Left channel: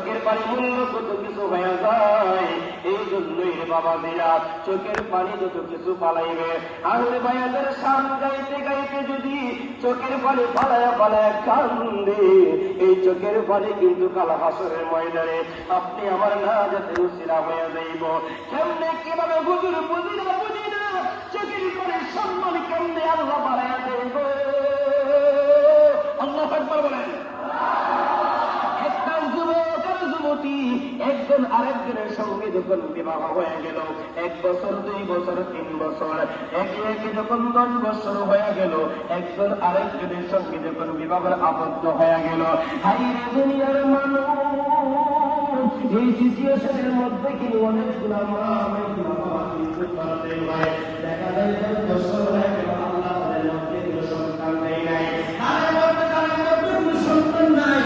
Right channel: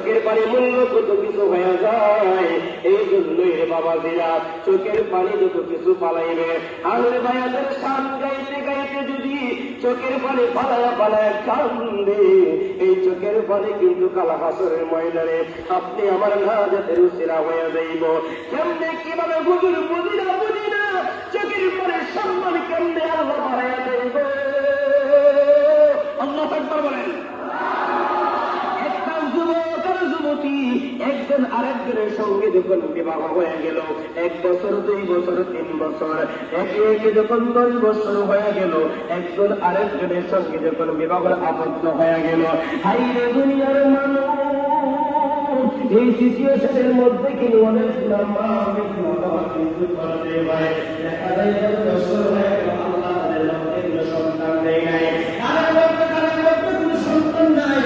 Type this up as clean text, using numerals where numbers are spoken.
চোখের পানি মূল্য কত কিছু হয়ে যায়। এই জন্যই রে বাবা দিরা, চোখের পানি যত কিছু পালাইবে। আঙুল ভাইয়াদের সান গাইতে গাইতে যদি চোখের পানি পালায়া পালায়া কান্দে, এই চোখের পানি কিন্তু কাল হাসরের ময়দানে আপনি আমার না যেতে উচিরা হয়ে যাইব। কেমনে কিভাবে হুজুর বুঝি না, চোখের পরে সম্মান কেমনে আল্লাহ বাড়াইয়া দেব। আল্লাহু আকবার বলেন। একটা যুবক আর যুবতী একজন আরেকজনের সঙ্গে যখন বিবাহ হয়ে গেল, 1 বছর 2 বছর 3 বছর, একে একে যখন 10 বছর হয়ে গেল, একজন আরেকজনের সঙ্গে যখন বিবাহের আবদ্ধ হয়ে গেল, হাইরে দুনিয়ার মানুষ, এই সিচুয়েশনের মধ্যে কি অনেকগুলো মা অনেকগুলো বাবা কিন্তু বলতে পারে দেখা যায় 10 বছর হয়ে গেল, আল্লাহ তাদের মধ্যে সন্তান দেয় নাই, আর সন্তান নাই,